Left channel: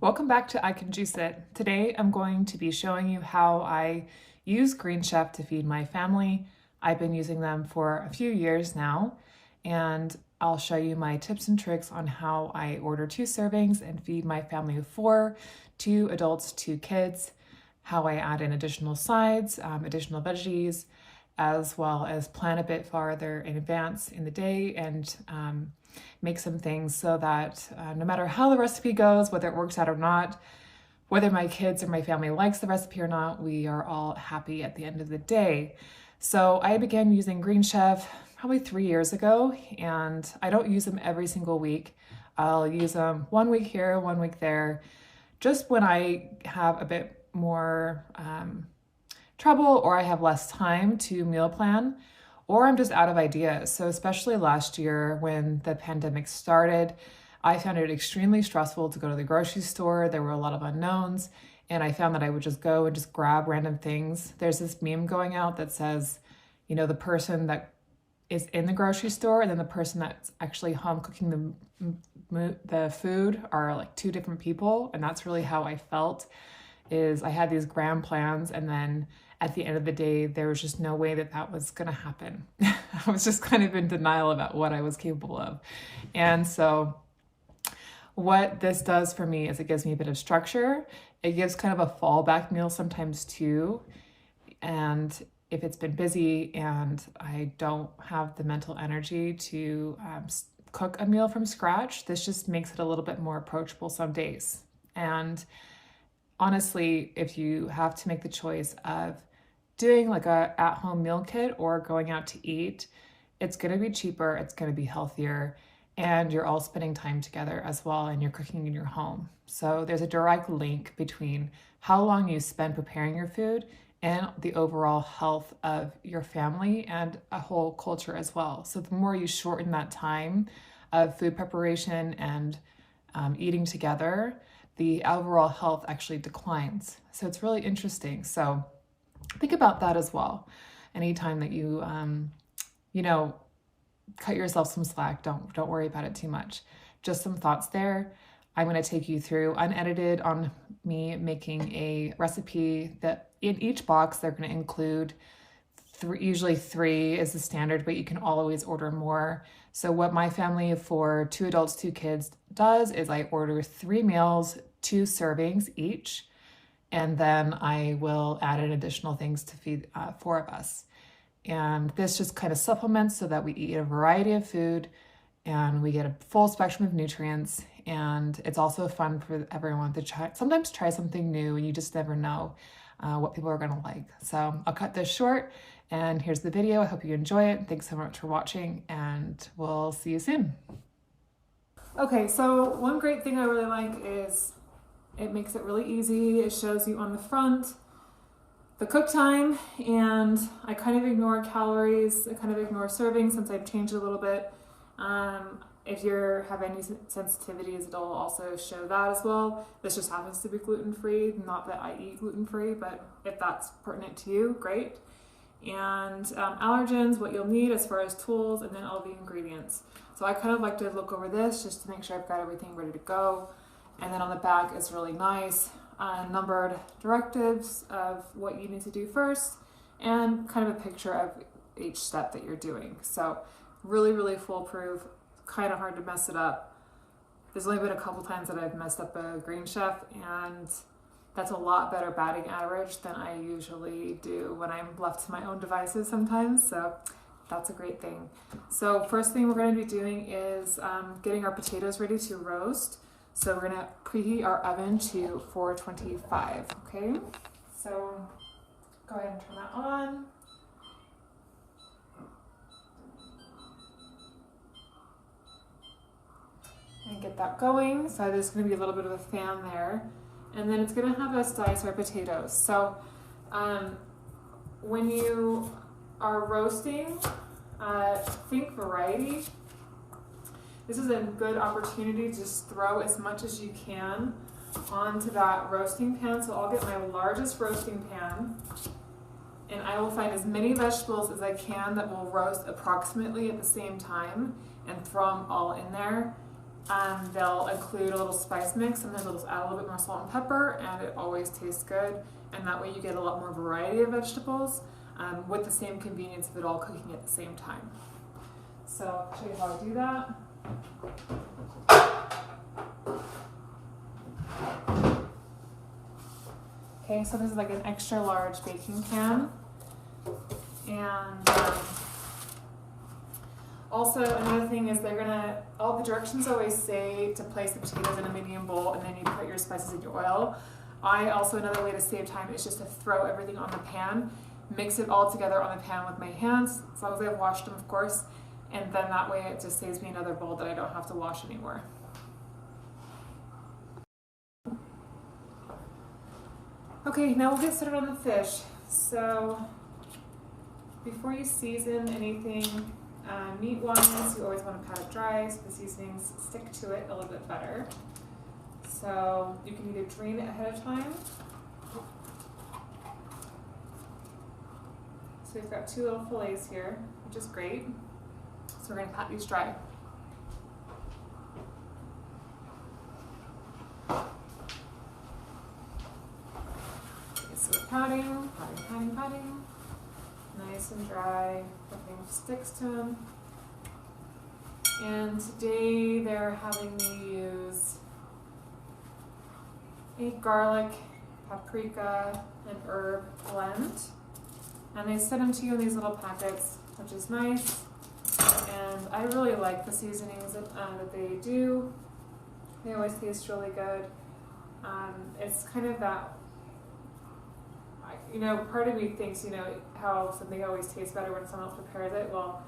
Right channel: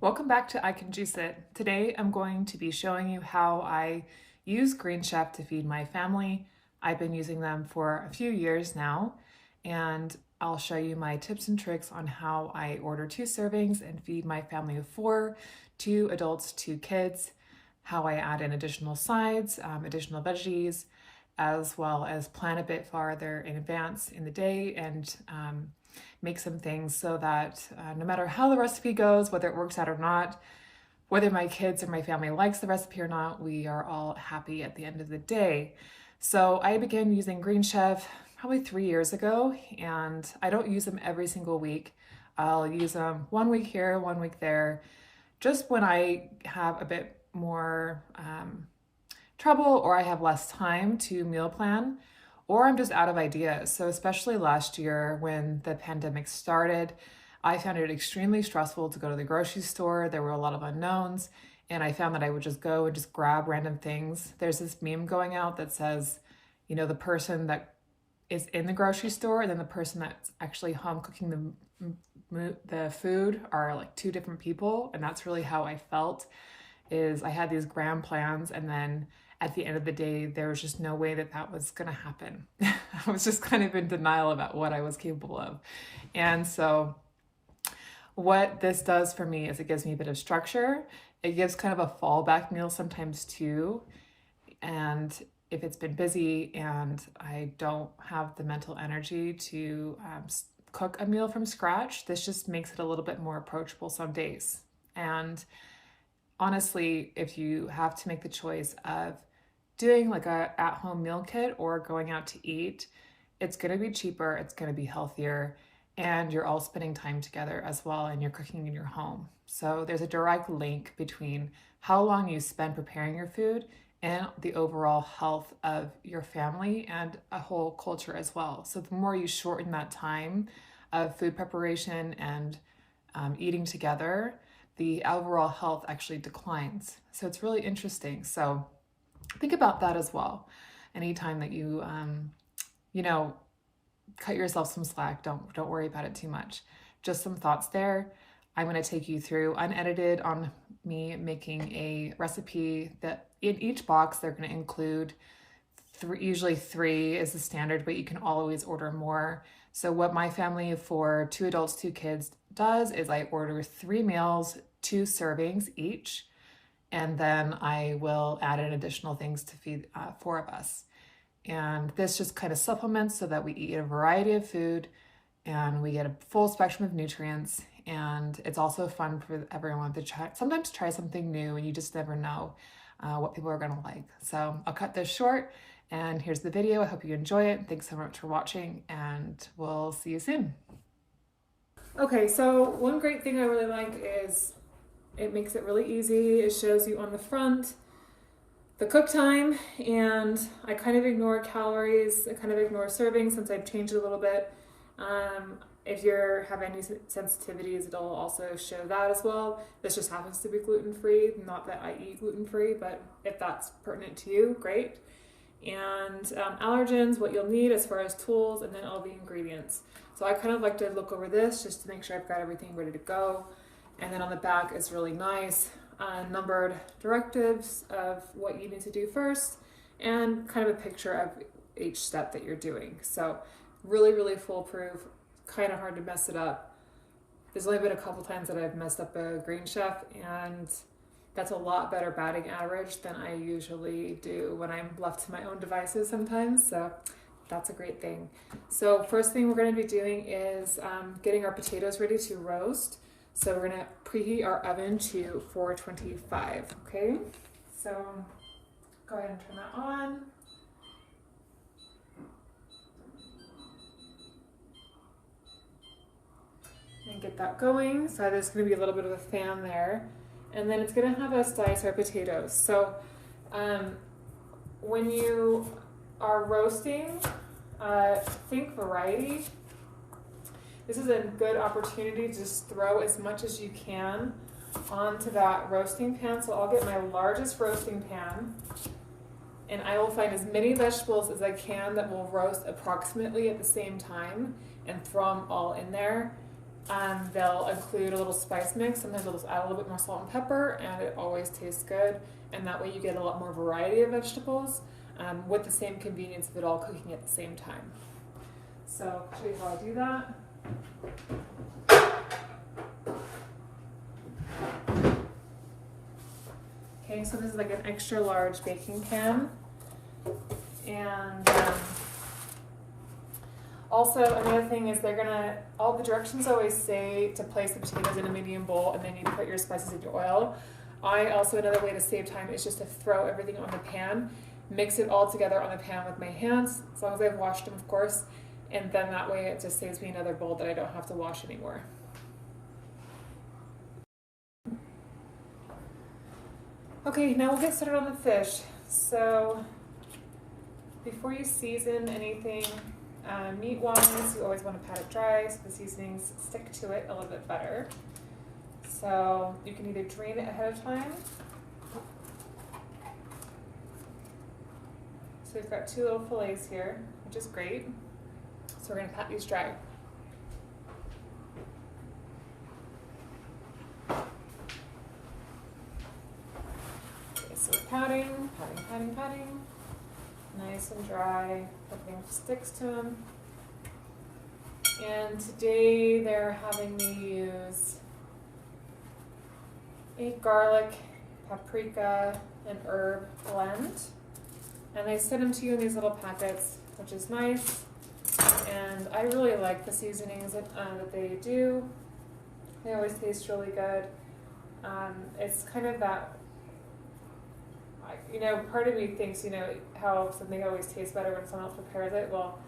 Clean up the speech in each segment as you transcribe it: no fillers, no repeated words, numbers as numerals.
Welcome back to I Can Juice It. Today I'm going to be showing you how I use greenchef to feed my family. I've been using them for a few years now, and I'll show you my tips and tricks on how I order 2 servings and feed my family of 4, 2 adults, 2 kids, how I add in additional sides, additional veggies, as well as plan a bit farther in advance in the day and make some things so that no matter how the recipe goes, whether it works out or not, whether my kids or my family likes the recipe or not, we are all happy at the end of the day. So I began using greenchef probably 3 years ago, and I don't use them every single week. I'll use them 1 week here, 1 week there, just when I have a bit more trouble or I have less time to meal plan, or I'm just out of ideas. So especially last year when the pandemic started, I found it extremely stressful to go to the grocery store. There were a lot of unknowns, and I found that I would just go and just grab random things. There's this meme going out that says, you know, the person that is in the grocery store and then the person that's actually home cooking the food are like 2 different people. And that's really how I felt. Is I had these grand plans, and then at the end of the day, there was just no way that that was going to happen. I was just kind of in denial about what I was capable of. And so what this does for me is it gives me a bit of structure. It gives kind of a fallback meal sometimes too. And if it's been busy and I don't have the mental energy to cook a meal from scratch, this just makes it a little bit more approachable some days. And honestly, if you have to make the choice of doing like a at-home meal kit or going out to eat, it's going to be cheaper, it's going to be healthier, and you're all spending time together as well, and you're cooking in your home. So there's a direct link between how long you spend preparing your food and the overall health of your family and a whole culture as well. So the more you shorten that time of food preparation and eating together, the overall health actually declines. So it's really interesting. So think about that as well. Anytime that you, cut yourself some slack, don't worry about it too much. Just some thoughts there. I'm going to take you through unedited on me making a recipe that in each box they're going to include usually 3 is the standard, but you can always order more. So what my family for 2 adults, 2 kids does is I order 3 meals, 2 servings each, and then I will add in additional things to feed 4 of us. And this just kind of supplements so that we eat a variety of food and we get a full spectrum of nutrients. And it's also fun for everyone to sometimes try something new, and you just never know what people are gonna like. So I'll cut this short, and here's the video. I hope you enjoy it. Thanks so much for watching, and we'll see you soon. Okay, so one great thing I really like is it makes it really easy. It shows you on the front the cook time, and I kind of ignore calories. I kind of ignore servings since I've changed it a little bit. If you have any sensitivities, it'll also show that as well. This just happens to be gluten-free. Not that I eat gluten-free, but if that's pertinent to you, great. And allergens, what you'll need as far as tools, and then all the ingredients. So I kind of like to look over this just to make sure I've got everything ready to go. And then on the back is really nice numbered directives of what you need to do first, and kind of a picture of each step that you're doing. So really, really foolproof, kind of hard to mess it up. There's only been a couple times that I've messed up a greenchef, and that's a lot better batting average than I usually do when I'm left to my own devices sometimes. So that's a great thing. So first thing we're going to be doing is getting our potatoes ready to roast. So we're going to preheat our oven to 425, okay? So go ahead and turn that on. And get that going. So there's going to be a little bit of a fan there. And then it's going to have us dice our potatoes. So when you are roasting, think variety. This is a good opportunity to just throw as much as you can onto that roasting pan. So I'll get my largest roasting pan, and I will find as many vegetables as I can that will roast approximately at the same time and throw them all in there. they'll include a little spice mix. Sometimes they'll just add a little bit more salt and pepper, and it always tastes good. And that way you get a lot more variety of vegetables with the same convenience of it all cooking at the same time. So I'll show you how I do that. Okay, so this is like an extra large baking pan. And also another thing is all the directions always say to place the potatoes in a medium bowl and then you put your spices in your oil. Another way to save time is just to throw everything on the pan, mix it all together on the pan with my hands, as long as I've washed them, of course, and then that way it just saves me another bowl that I don't have to wash anymore. Okay, now we'll get started on the fish. So before you season anything meat-wise, you always want to pat it dry so the seasonings stick to it a little bit better. So you can either drain it ahead of time. So we've got 2 little fillets here, which is great. So we're going to pat these dry. Okay, so we're patting. Nice and dry. Nothing sticks to them. And today they're having me use a garlic, paprika, and herb blend. And they send them to you in these little packets, which is nice. And I really like the seasonings that they do. They always taste really good. It's kind of that, part of me thinks, how something always tastes better when someone else prepares it. Well,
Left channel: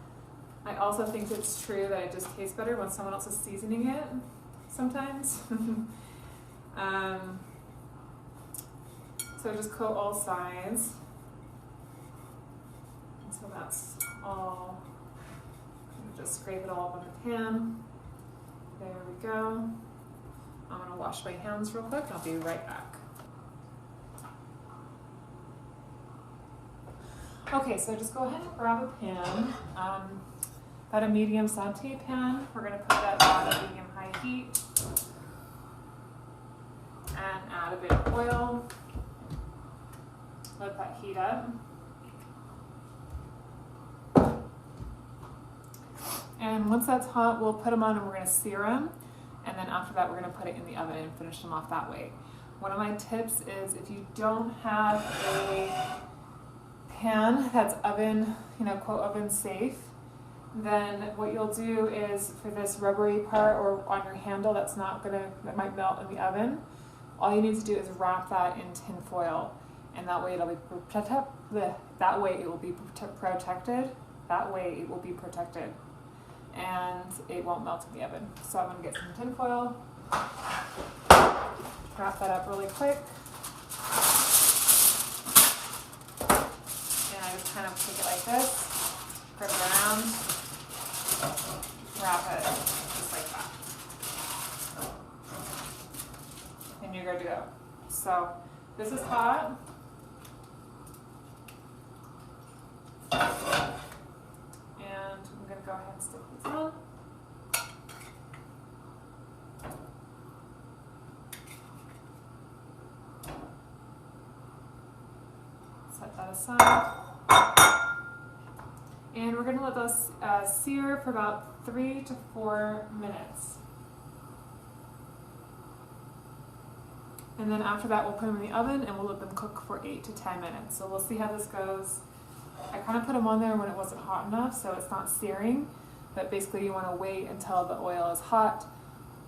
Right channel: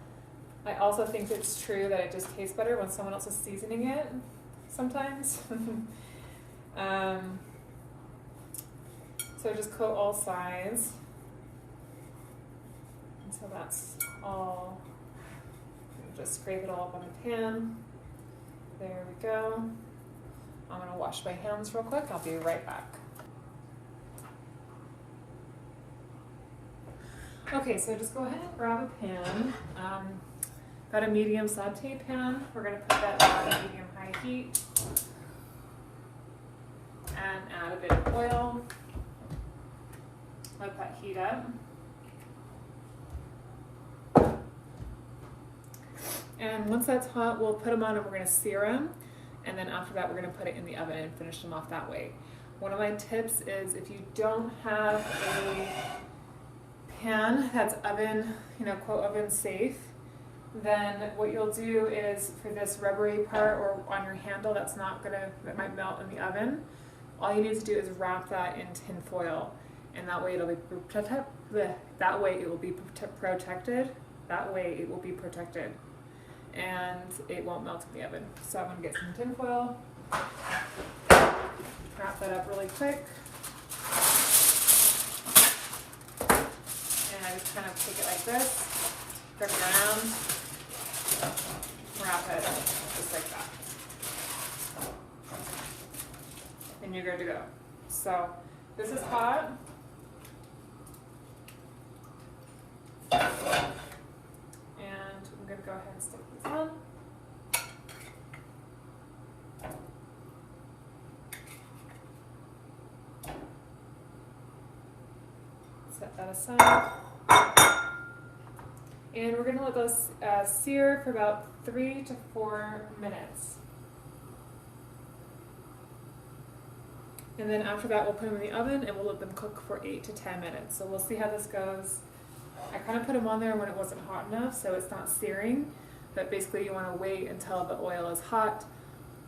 I also think it's true that it just tastes better when someone else is seasoning it sometimes. So just coat all sides. And so that's all. Just scrape it all up on the pan. There we go. I'm gonna wash my hands real quick. I'll be right back. Okay, so just go ahead and grab a pan. Got a medium saute pan. We're gonna put that on medium-high heat and add a bit of oil. Let that heat up. And once that's hot, we'll put them on and we're gonna sear them. And then after that, we're gonna put it in the oven and finish them off that way. One of my tips is if you don't have a pan that's oven, quote oven safe, then what you'll do is for this rubbery part or on your handle that might melt in the oven, all you need to do is wrap that in tin foil. And that way it will be protected. And it won't melt in the oven. So I'm gonna get some tin foil, wrap that up really quick. And I just kind of take it like this, grip it around, wrap it just like that. And you're good to go. So this is hot. And I'm gonna go ahead and stick this on. Set that aside. And we're gonna let those sear for about 3 to 4 minutes. And then after that, we'll put them in the oven and we'll let them cook for 8 to 10 minutes. So we'll see how this goes. I kind of put them on there when it wasn't hot enough, so it's not searing, but basically you want to wait until the oil is hot.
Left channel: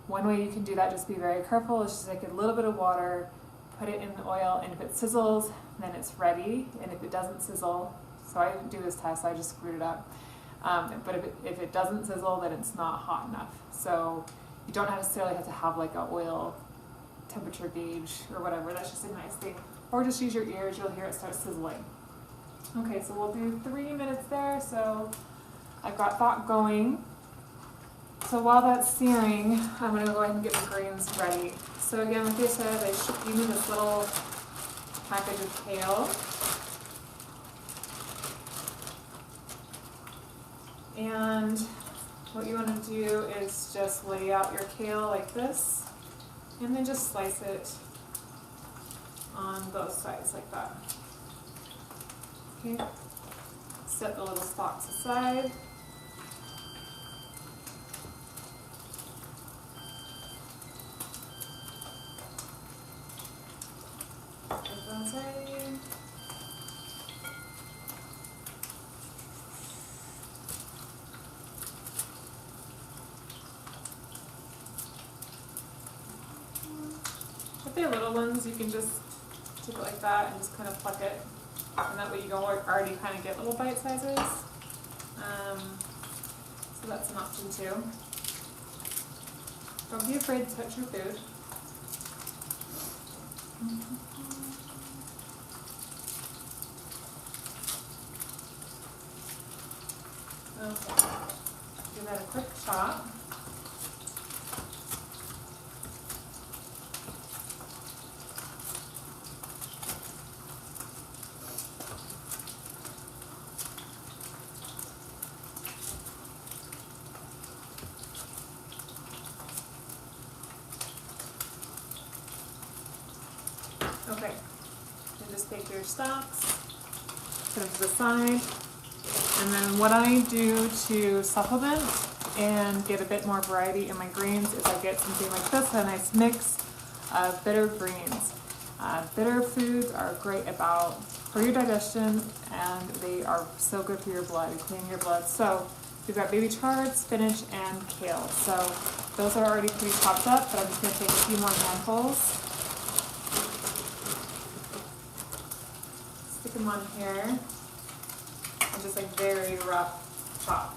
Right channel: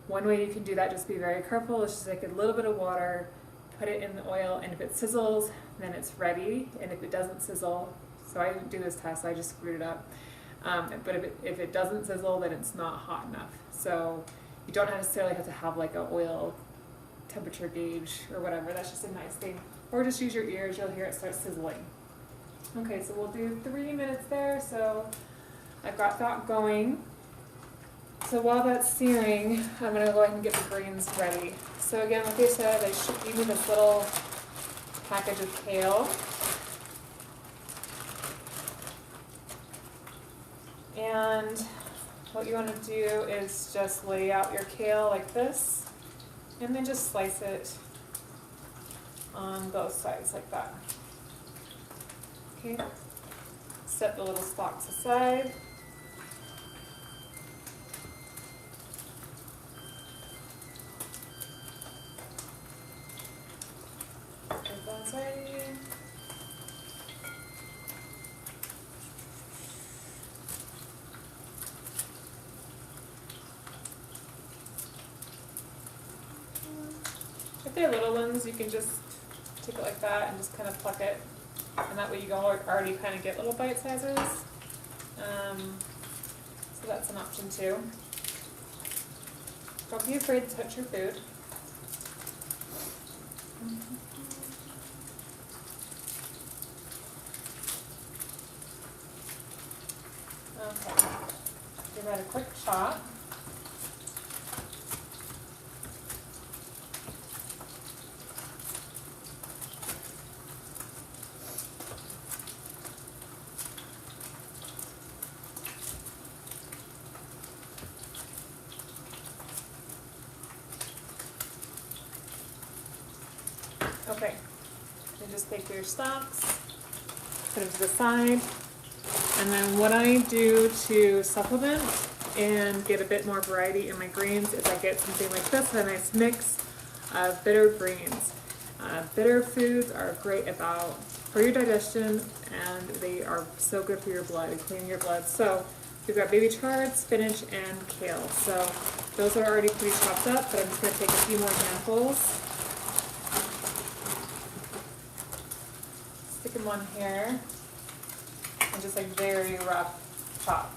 One way you can do that, just be very careful, is just take a little bit of water, put it in the oil, and if it sizzles, then it's ready, and if it doesn't sizzle, so I didn't do this test, I just screwed it up, but if it doesn't sizzle, then it's not hot enough. So you don't necessarily have to have like an oil temperature gauge or whatever, that's just a nice thing. Or just use your ears, you'll hear it start sizzling. Okay, so we'll do 3 minutes there, so I've got that going. So while that's searing, I'm gonna go ahead and get the greens ready. So again, like I said, they shipped me this little package of kale. And what you want to do is just lay out your kale like this, and then just slice it on both sides like that. Okay, set the little stalks aside. Get those ready. If they're little ones, you can just take it like that and just kind of pluck it, and that way you can already kind of get little bite sizes. So that's an option too. Don't be afraid to touch your food. Okay, give that a quick chop. Okay, then just take your stalks, put them to the side, and then what I do to supplement and get a bit more variety in my greens is I get something like this, a nice mix of bitter greens. Bitter foods are great for your digestion, and they are so good for your blood and cleaning your blood. So we've got baby chard, spinach, and kale. So those are already pretty chopped up, but I'm just going to take a few more handfuls. Stick them on here and just like very rough chop.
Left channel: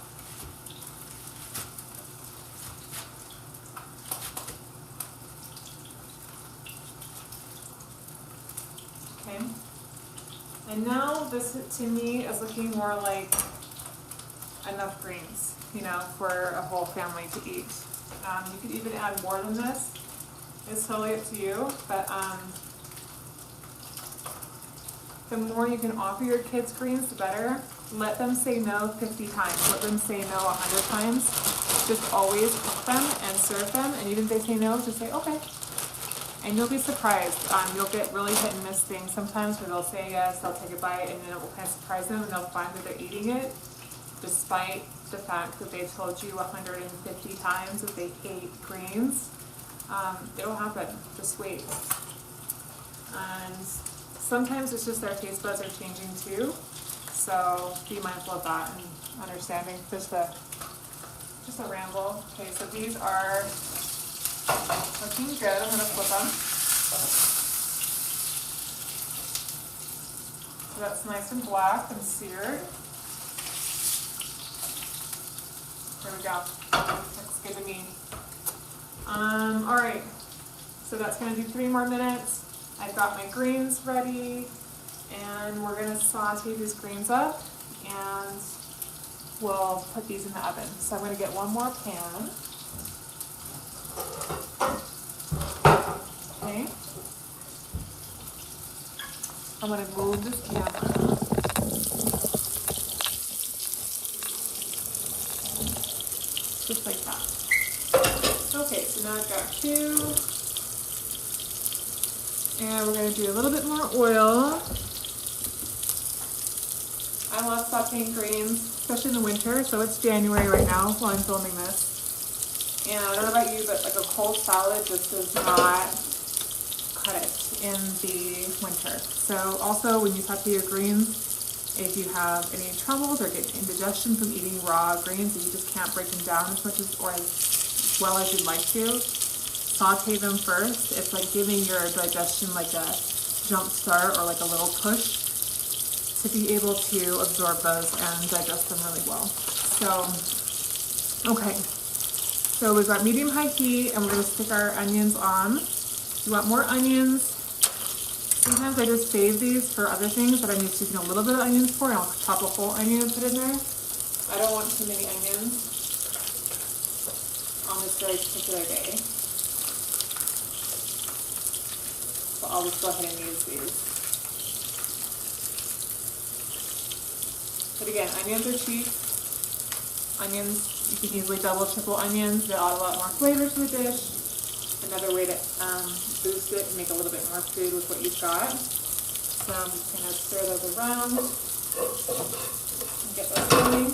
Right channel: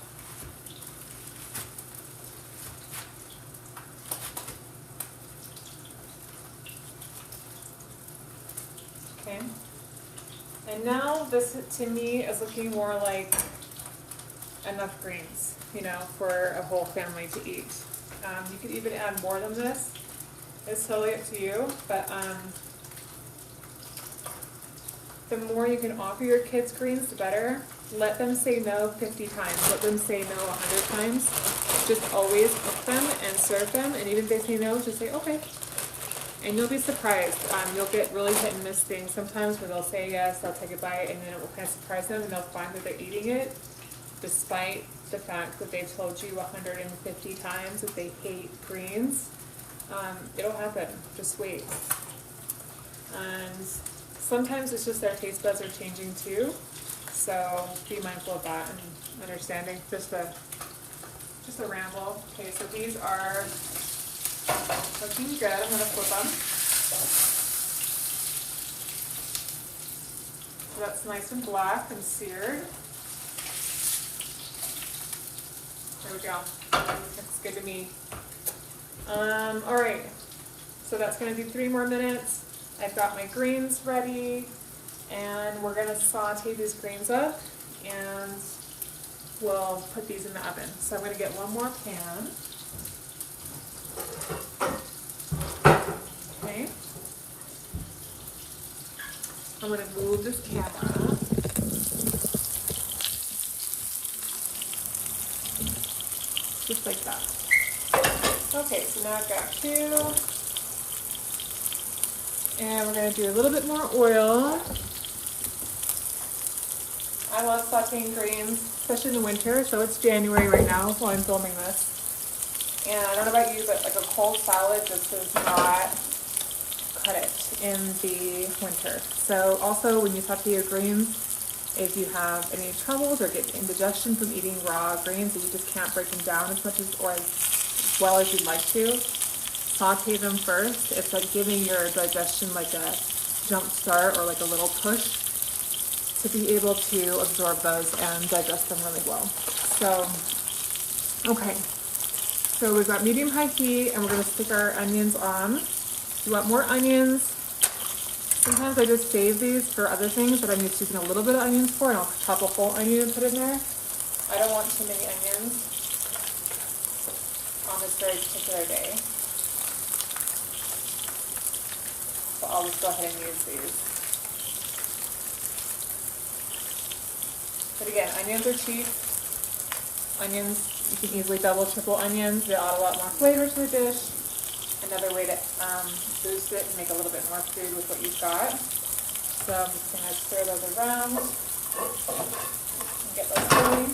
Okay, and now this to me is looking more like enough greens, you know, for a whole family to eat. You could even add more than this. It's totally up to you, but the more you can offer your kids greens, the better. Let them say no 50 times. Let them say no 100 times. Just always cook them and serve them, and even if they say no, just say okay. And you'll be surprised. You'll get really hit and miss things sometimes where they'll say yes, they'll take a bite, and then it will kind of surprise them, and they'll find that they're eating it despite the fact that they've told you 150 times that they hate greens. It'll happen. Just wait. And sometimes it's just their taste buds are changing too, so be mindful of that and understanding. Just a ramble. Okay, so these are looking good. I'm gonna flip them. So that's nice and black and seared. There we go. Looks good to me. All right. So that's gonna do 3 more minutes. I've got my greens ready, and we're gonna saute these greens up, and we'll put these in the oven. So I'm gonna get one more pan. Okay. I'm gonna move this camera. Just like that. Okay, so now I've got 2. And we're going to do a little bit more oil. I love sauteing greens, especially in the winter. So it's January right now while I'm filming this. And I don't know about you, but like a cold salad just does not cut it in the winter. So also when you saute your greens, if you have any troubles or get indigestion from eating raw greens that you just can't break them down as much as or as well as you'd like to, saute them first. It's like giving your digestion like a jump start or like a little push to be able to absorb those and digest them really well. So, okay. So we've got medium-high heat, and we're gonna stick our onions on. You want more onions? Sometimes I just save these for other things that I'm just using a little bit of onions for, and I'll chop a whole onion and put in there. I don't want too many onions on this very particular day. So I'll just go ahead and use these. But again, onions are cheap. onions, you can easily double, triple onions. They add a lot more flavor to the dish. Another way to boost it and make a little bit more food with what you've got. So I'm just going to stir those around and get those going.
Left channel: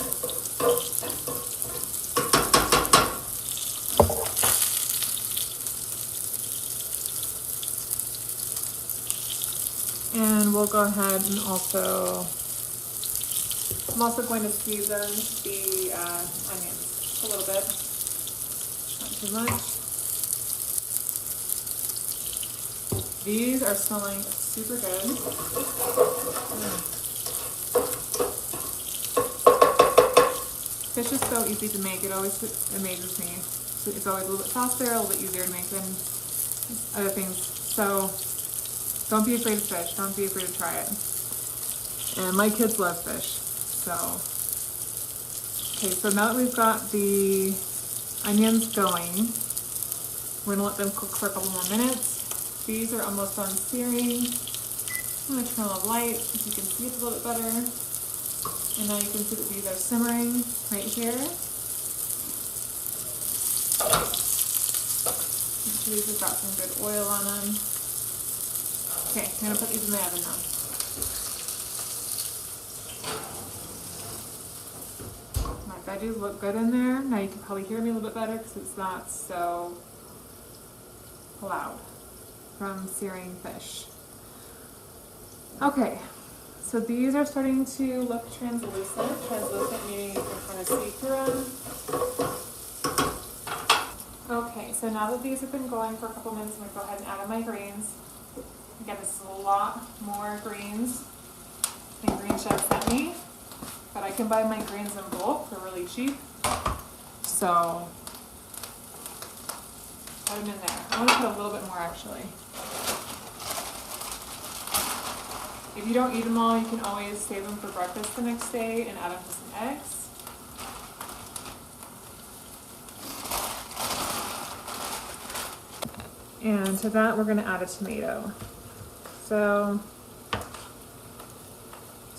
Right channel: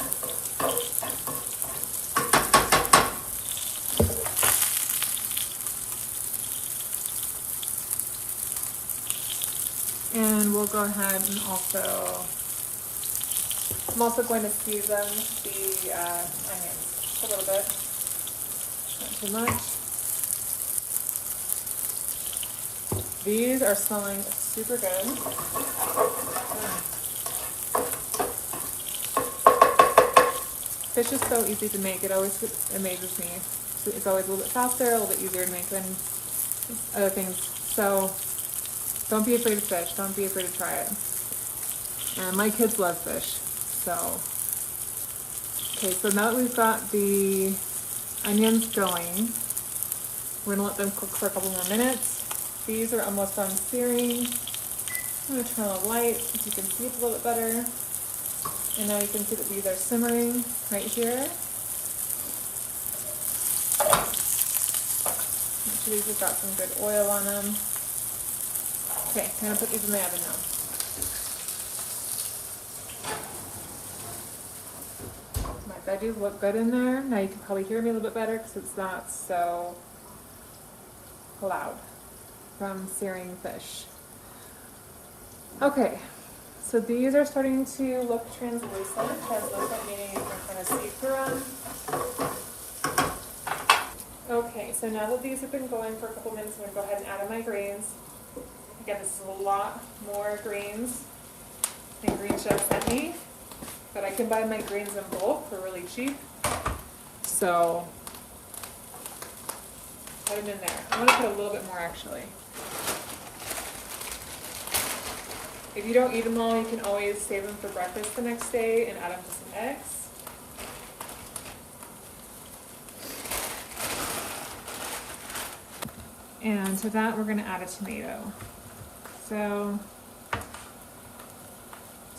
And we'll go ahead and also, I'm also going to season the onions a little bit, not too much. These are smelling super good. Fish is so easy to make. It always amazes me. It's always a little bit faster, a little bit easier to make than other things. So don't be afraid of fish. Don't be afraid to try it. And my kids love fish. So, okay, so now that we've got the onions going, we're gonna let them cook for a couple more minutes. These are almost done searing. I'm gonna turn on the light so you can see it a little bit better. And now you can see that these are simmering right here. Make sure these have got some good oil on them. Okay, I'm gonna put these in the oven now. My veggies look good in there. Now you can probably hear me a little bit better because it's not so loud from searing fish. Okay, so these are starting to look translucent. Translucent meaning you can kind of see through them. Okay, so now that these have been going for a couple minutes, I'm going to go ahead and add in my greens. Again, this is a lot more greens than Greenchef sent me, but I can buy my greens in bulk for really cheap. So put them in there. I'm going to put a little bit more actually. If you don't eat them all, you can always save them for breakfast the next day and add them to some eggs. And to that, we're going to add a tomato. So,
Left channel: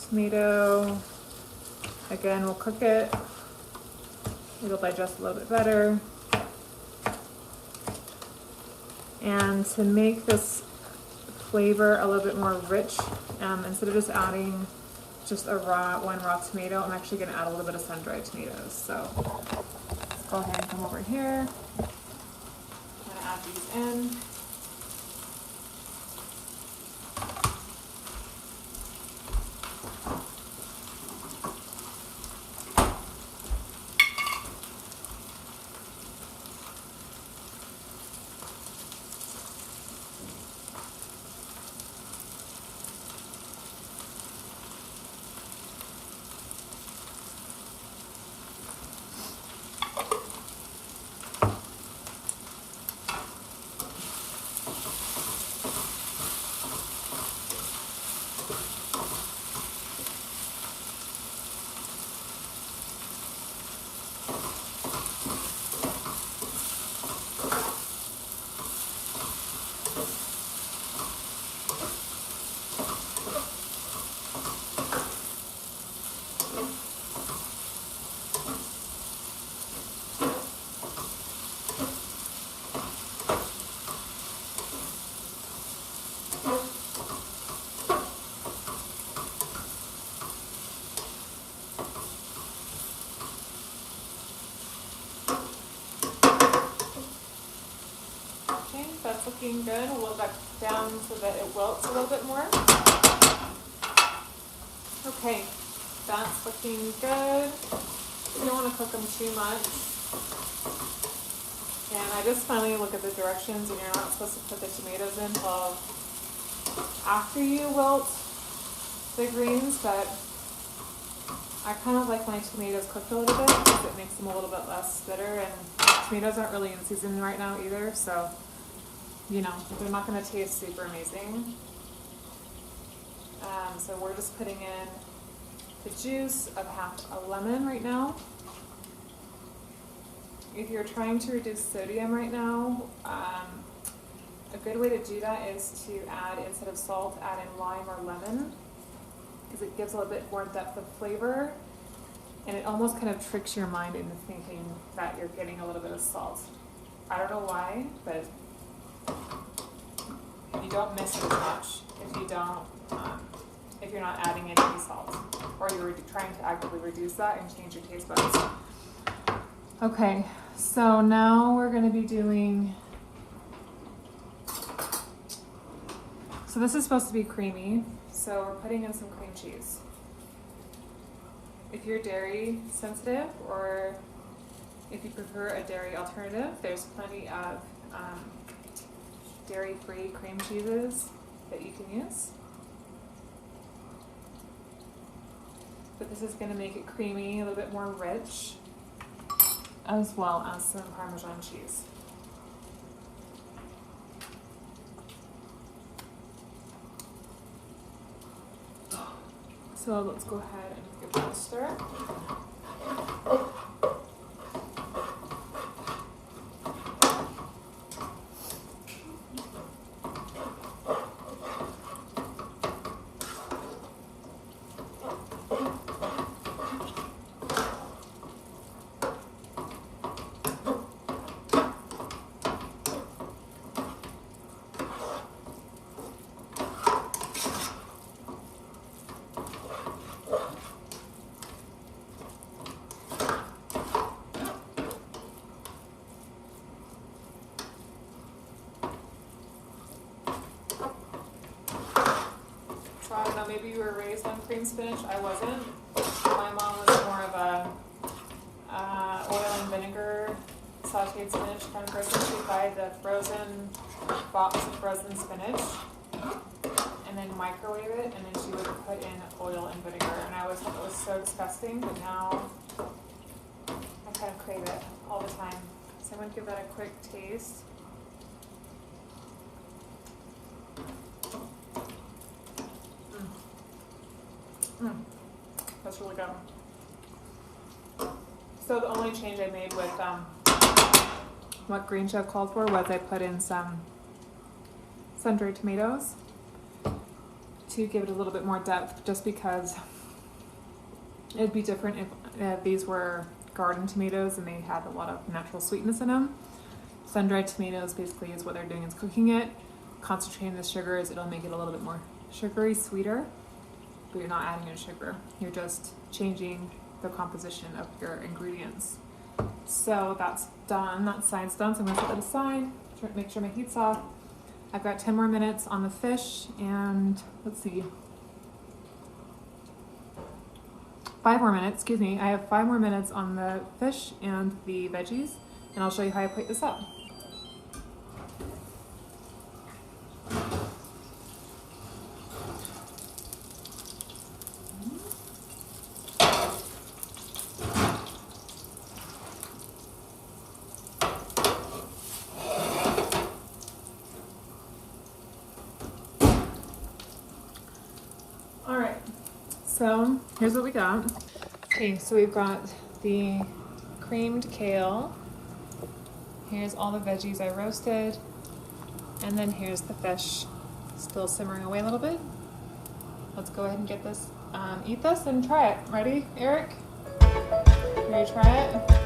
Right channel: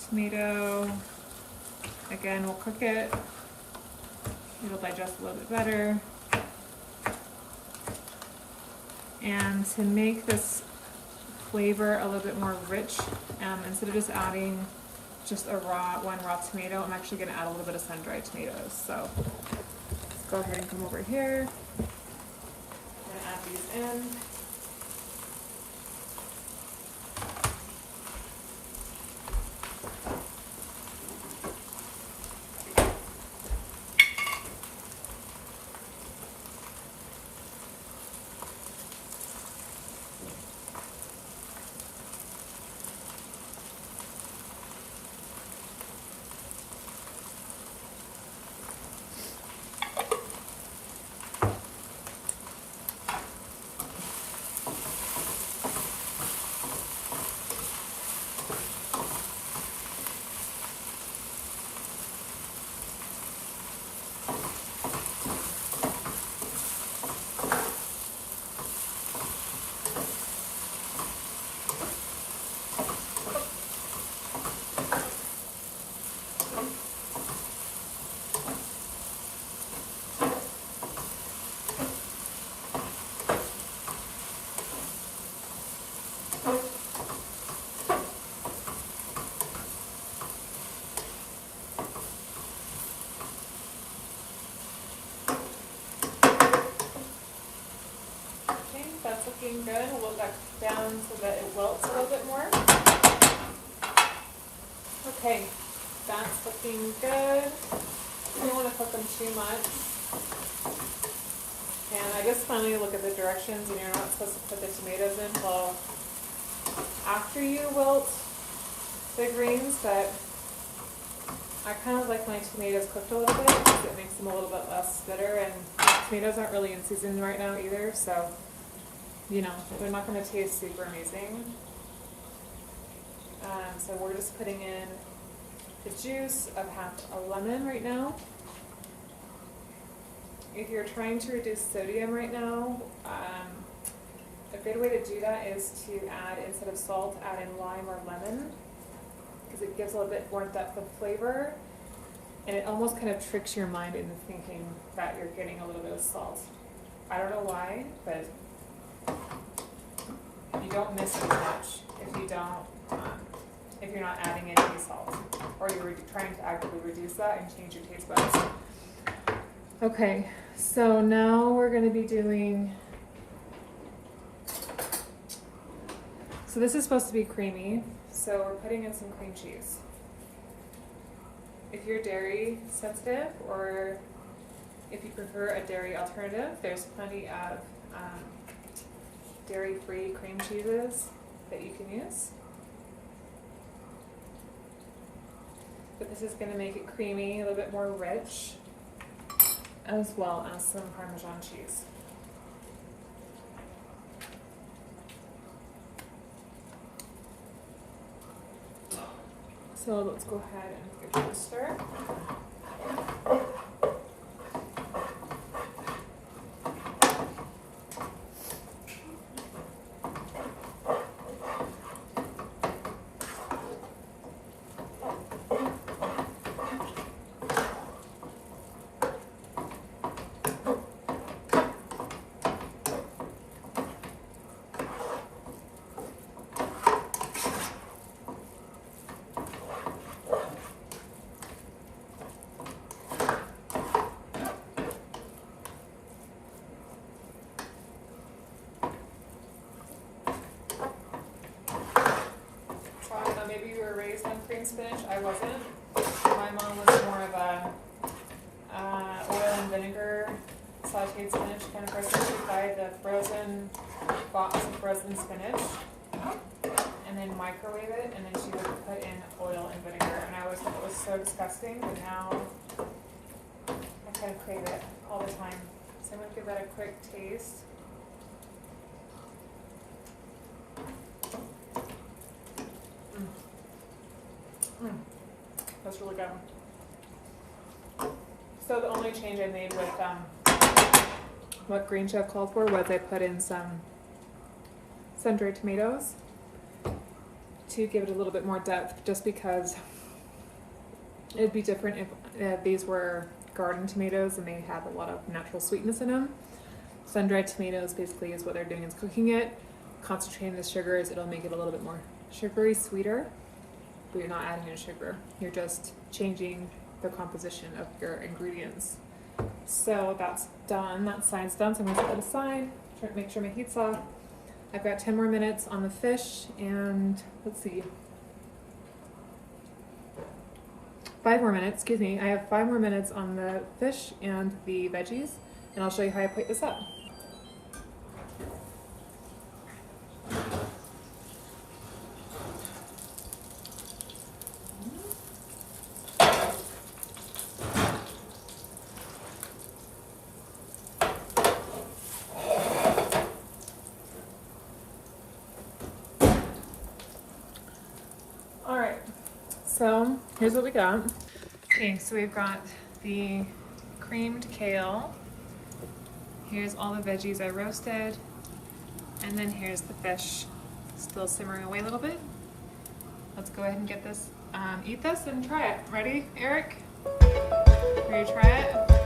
tomato, again, we'll cook it. It'll digest a little bit better. And to make this flavor a little bit more rich, instead of just adding just one raw tomato, I'm actually going to add a little bit of sun-dried tomatoes. So let's go ahead and come over here. I'm going to add these in. That's looking good. We'll look back down so that it wilts a little bit more. Okay, that's looking good. You don't want to cook them too much. And I just finally look at the directions, and you're not supposed to put the tomatoes in until after you wilt the greens, but I kind of like my tomatoes cooked a little bit because it makes them a little bit less bitter, and tomatoes aren't really in season right now either, so you know, they're not going to taste super amazing. So we're just putting in the juice of half a lemon right now. If you're trying to reduce sodium right now, a good way to do that is to add, instead of salt, add in lime or lemon, because it gives a little bit more depth of flavor. And it almost kind of tricks your mind into thinking that you're getting a little bit of salt. I don't know why, but you don't miss as much if you don't, if you're not adding any salt, or you're trying to actively reduce that and change your taste buds. Okay, so now we're going to be doing, so this is supposed to be creamy, so we're putting in some cream cheese. If you're dairy sensitive, or if you prefer a dairy alternative, there's plenty of dairy-free cream cheeses that you can use. But this is going to make it creamy, a little bit more rich, as well as some Parmesan cheese. So let's go ahead and give it a stir. I don't know, maybe you were raised on cream spinach. I wasn't. My mom was more of a oil and vinegar sauteed spinach kind of person. She'd buy the frozen box of frozen spinach and then microwave it, and then she would put in oil and vinegar. And I always thought it was so disgusting, but now I kind of crave it all the time. So I'm going to give that a quick taste. That's really good. So the only change I made with what Green Chef called for was I put in some sun-dried tomatoes to give it a little bit more depth, just because it'd be different if these were garden tomatoes and they had a lot of natural sweetness in them. Sun-dried tomatoes basically is what they're doing is cooking it, concentrating the sugars. It'll make it a little bit more sugary, sweeter. But you're not adding in sugar. You're just changing the composition of your ingredients. So that's done. That side's done. So I'm going to set that aside. Make sure my heat's off. I've got 10 more minutes on the fish, and let's see. 5 more minutes, excuse me. I have 5 more minutes on the fish and the veggies, and I'll show you how I plate this up. Alright, so here's what we got. Okay, so we've got the creamed kale. Here's all the veggies I roasted. And then here's the fish, still simmering away a little bit. Let's go ahead and get this, eat this and try it. Ready, Eric? Ready to try it?